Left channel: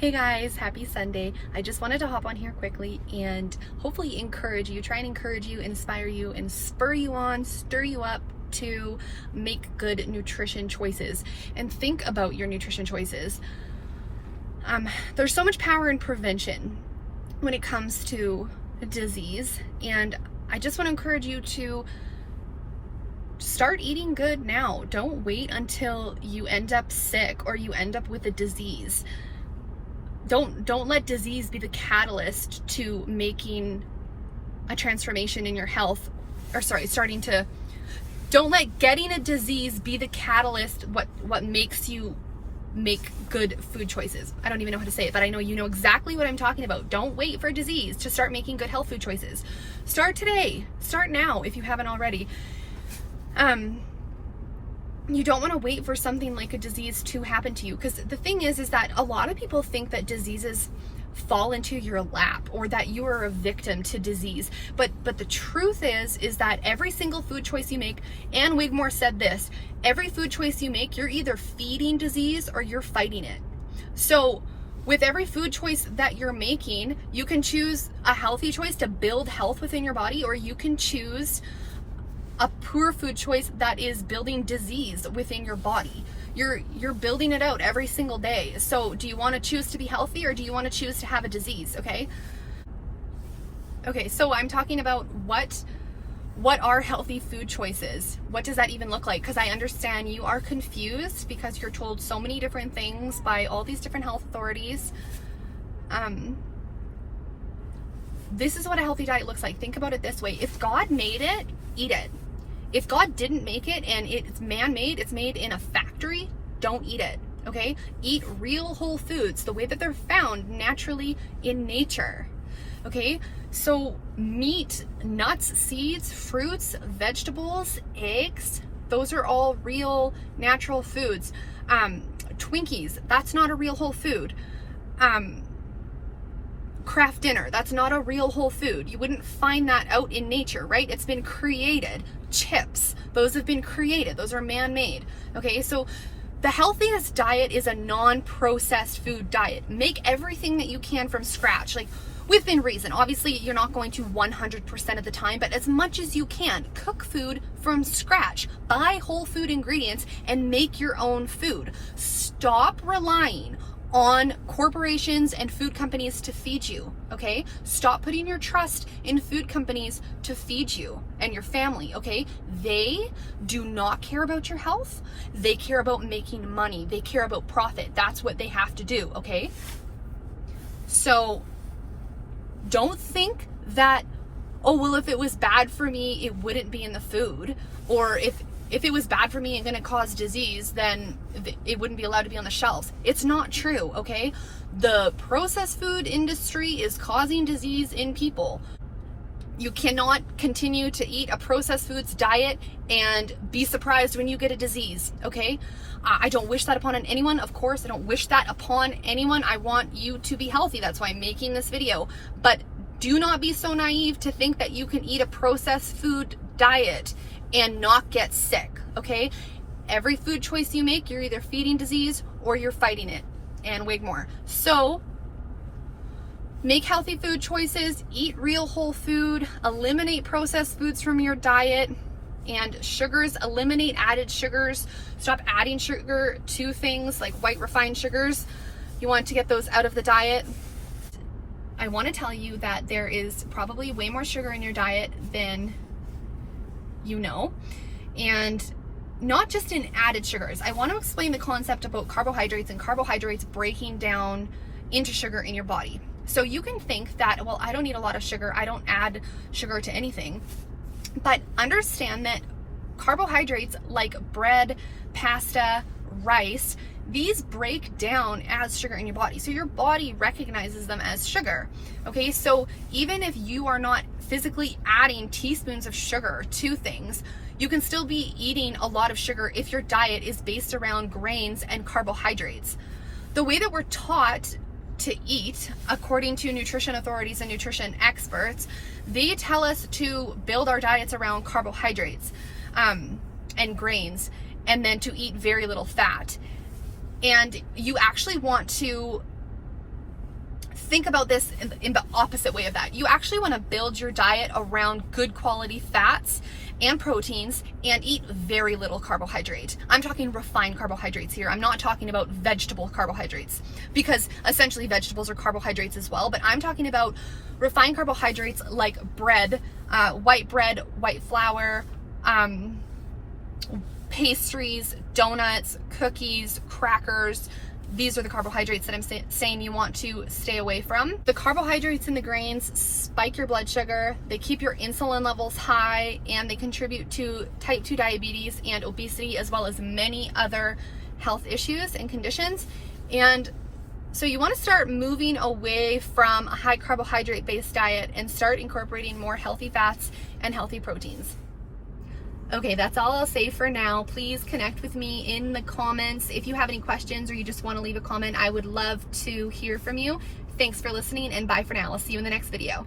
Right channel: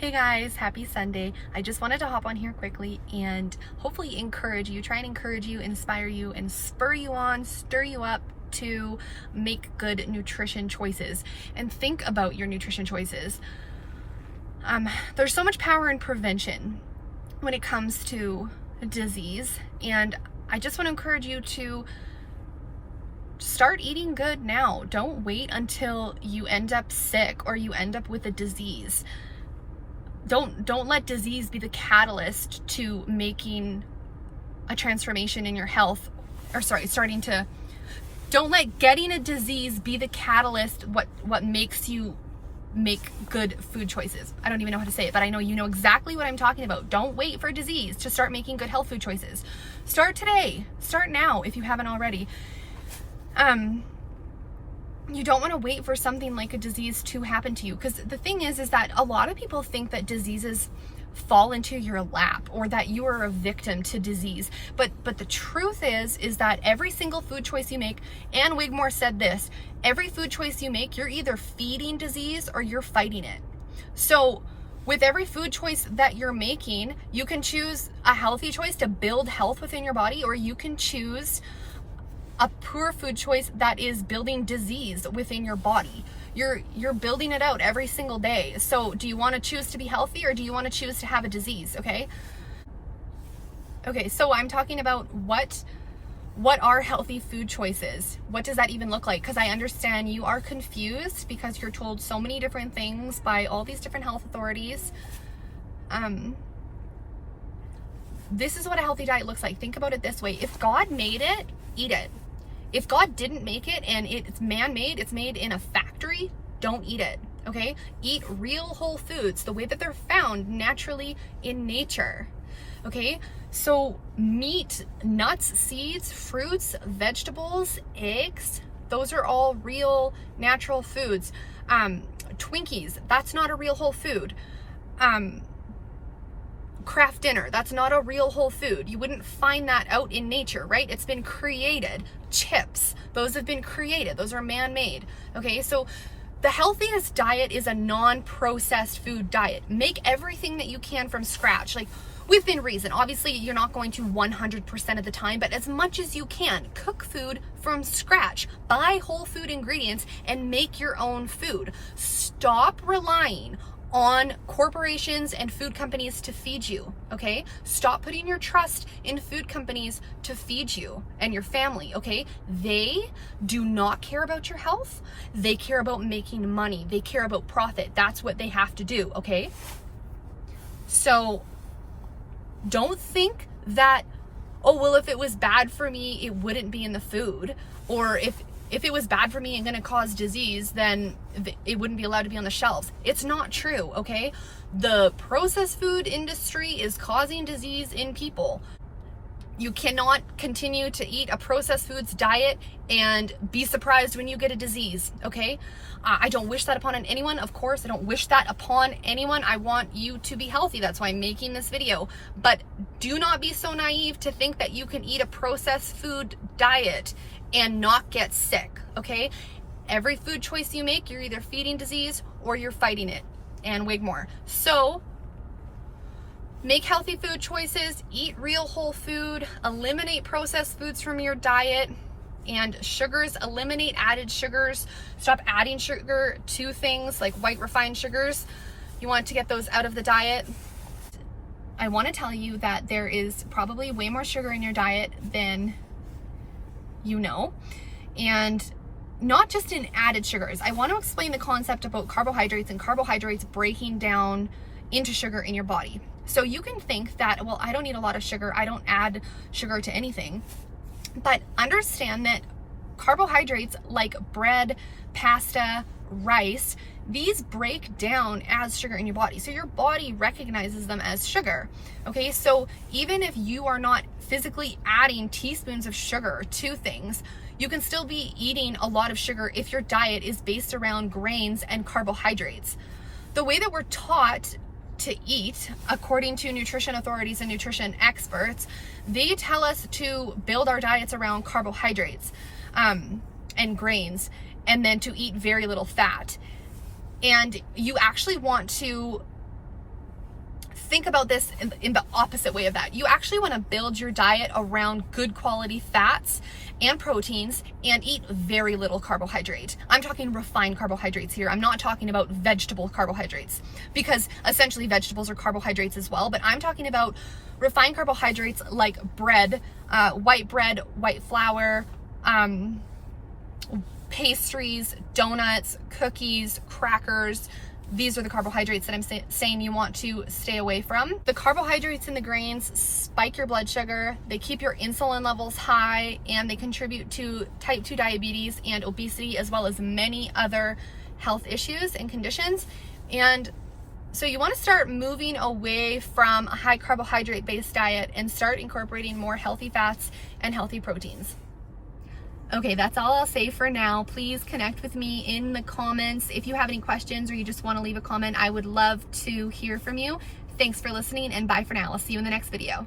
Hey guys, happy Sunday. I just wanted to hop on here quickly and hopefully encourage you, try and encourage you, inspire you, and spur you on, stir you up to make good nutrition choices and think about your nutrition choices. There's so much power in prevention when it comes to disease, and I just want to encourage you to start eating good now. Don't wait until you end up sick or you end up with a disease. Don't let disease be the catalyst to making a transformation in your health, don't let getting a disease be the catalyst what makes you make good food choices. I don't even know how to say it, but I know you know exactly what I'm talking about. Don't wait for disease to start making good health food choices. Start today. Start now if you haven't already. You don't want to wait for something like a disease to happen to you, because the thing is that a lot of people think that diseases fall into your lap or that you are a victim to disease, but the truth is that every single food choice you make, Ann Wigmore said this, every food choice you make, you're either feeding disease or you're fighting it. So with every food choice that you're making, you can choose a healthy choice to build health within your body, or you can choose a poor food choice that is building disease within your body. You're building it out every single day. So do you want to choose to be healthy, or do you want to choose to have a disease? Okay, so I'm talking about what are healthy food choices? What does that even look like? Because I understand you are confused because you're told so many different things by all these different health authorities. This is what a healthy diet looks like. Think about it this way. If God made it, eat it. If God didn't make it and it's man-made, it's made in a factory, don't eat it, okay? Eat real whole foods, the way that they're found naturally in nature, okay? So meat, nuts, seeds, fruits, vegetables, eggs, those are all real natural foods. Twinkies, that's not a real whole food. Craft dinner, that's not a real whole food. You wouldn't find that out in nature, right? It's been created. Chips, those have been created. Those are man-made. Okay, so the healthiest diet is a non-processed food diet. Make everything that you can from scratch, like within reason. Obviously, you're not going to 100% of the time, but as much as you can, cook food from scratch. Buy whole food ingredients and make your own food. Stop relying on corporations and food companies to feed you, okay? Stop putting your trust in food companies to feed you and your family, okay? They do not care about your health. They care about making money. They care about profit. That's what they have to do, okay? So don't think that, oh, well, if it was bad for me, it wouldn't be in the food. Or if it was bad for me and going to cause disease, then it wouldn't be allowed to be on the shelves. It's not true, okay? The processed food industry is causing disease in people. You cannot continue to eat a processed foods diet and be surprised when you get a disease, okay? I don't wish that upon anyone, of course. I don't wish that upon anyone. I want you to be healthy. That's why I'm making this video. But do not be so naive to think that you can eat a processed food diet and not get sick, okay? Every food choice you make, you're either feeding disease or you're fighting it. Ann Wigmore. So make healthy food choices, eat real whole food, eliminate processed foods from your diet, and sugars, eliminate added sugars. Stop adding sugar to things like white refined sugars. You want to get those out of the diet. I want to tell you that there is probably way more sugar in your diet than you know, and not just in added sugars. I want to explain the concept about carbohydrates and carbohydrates breaking down into sugar in your body. So you can think that, well, I don't need a lot of sugar. I don't add sugar to anything. But understand that carbohydrates like bread, pasta, rice, these break down as sugar in your body. So your body recognizes them as sugar. Okay, so even if you are not physically adding teaspoons of sugar to things, you can still be eating a lot of sugar if your diet is based around grains and carbohydrates. The way that we're taught to eat, according to nutrition authorities and nutrition experts, they tell us to build our diets around carbohydrates and grains, and then to eat very little fat. And you actually want to think about this in the opposite way of that. You actually want to build your diet around good quality fats and proteins and eat very little carbohydrate. I'm talking refined carbohydrates here. I'm not talking about vegetable carbohydrates, because essentially vegetables are carbohydrates as well, but I'm talking about refined carbohydrates like bread, white flour, pastries, donuts, cookies, crackers. These are the carbohydrates that I'm saying you want to stay away from. The carbohydrates in the grains spike your blood sugar, they keep your insulin levels high, and they contribute to type 2 diabetes and obesity, as well as many other health issues and conditions. And so you want to start moving away from a high carbohydrate based diet and start incorporating more healthy fats and healthy proteins. Okay, that's all I'll say for now. Please connect with me in the comments. If you have any questions or you just want to leave a comment, I would love to hear from you. Thanks for listening, and bye for now. I'll see you in the next video.